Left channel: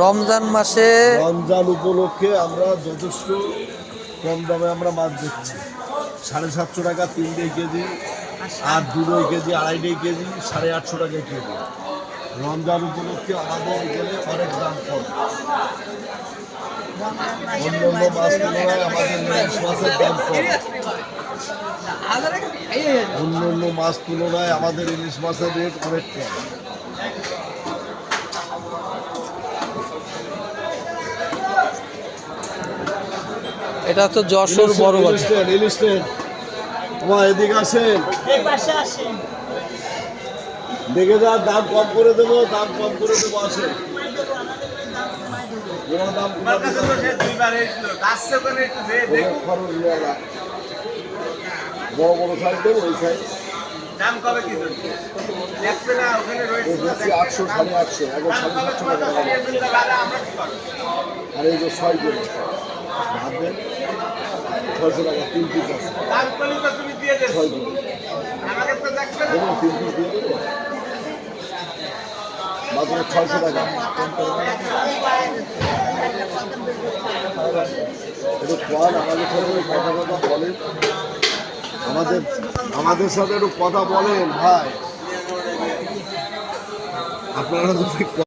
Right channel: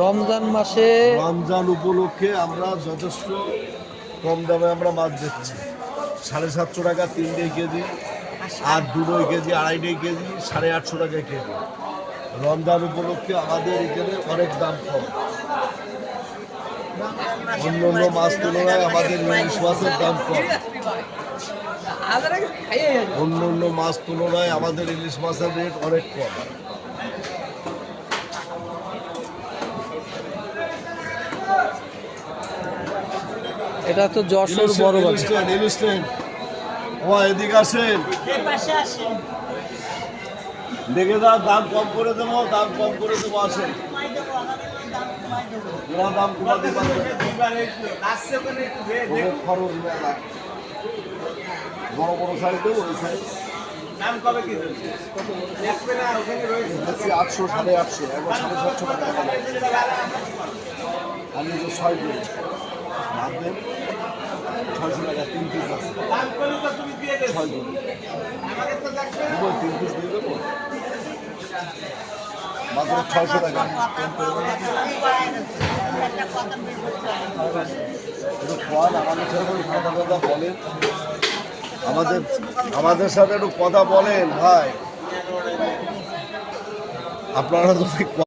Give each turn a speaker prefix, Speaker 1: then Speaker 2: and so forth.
Speaker 1: রমজান মাসে
Speaker 2: রমজান উপলক্ষে আমরা যথেষ্ট কম দামে আমরা মাছ দিচ্ছি সাড়ে সাতশো টাকা তিনটে কেজি আর দুটোই কেজি আড়াইটাই কেজি সাড়ে আটশো টাকা কেজি। রমজান উপলক্ষে আমাদের এখানে অনেক দাম কম। অন্য অন্য মাছ তুলনায় আমাদের মাছের দাম কম। অন্য অন্য মাছ তুলনায় আমাদের ইলিশ মাছের রেট অনেক কম।
Speaker 1: এটা হচ্ছে যশোর বড় বাজার।
Speaker 2: ইলিশ ইলিশ তোমার এদিকে আসেন।
Speaker 3: এই পাশে আসে
Speaker 2: দেখে যান দাম কম করে দেবো দাম কম করে দেবো আসেন। দাম
Speaker 4: আমার কাছে তো সে দুইবার এসেছিল আসছে ওখানে একটু দেখুন।
Speaker 2: বড় বড় সাইজ দেবো ওই সাইজ
Speaker 4: দাম কবে কি
Speaker 2: আটশো সাড়ে আটশো
Speaker 4: আর
Speaker 2: এই যে ছয় করে ভাববেন ছয়শো টাকা তিন পিস আছে। ছয় করে
Speaker 4: আমাকে তো দেখবে না।
Speaker 2: তিন পিস দিয়ে দেবো? মাত্র ছয়শো টাকা। একটু খাওয়ান আমাদের করে খাওয়া বলেন আমাদের সাথে একটু কথা বলেন ভাই। আপনারা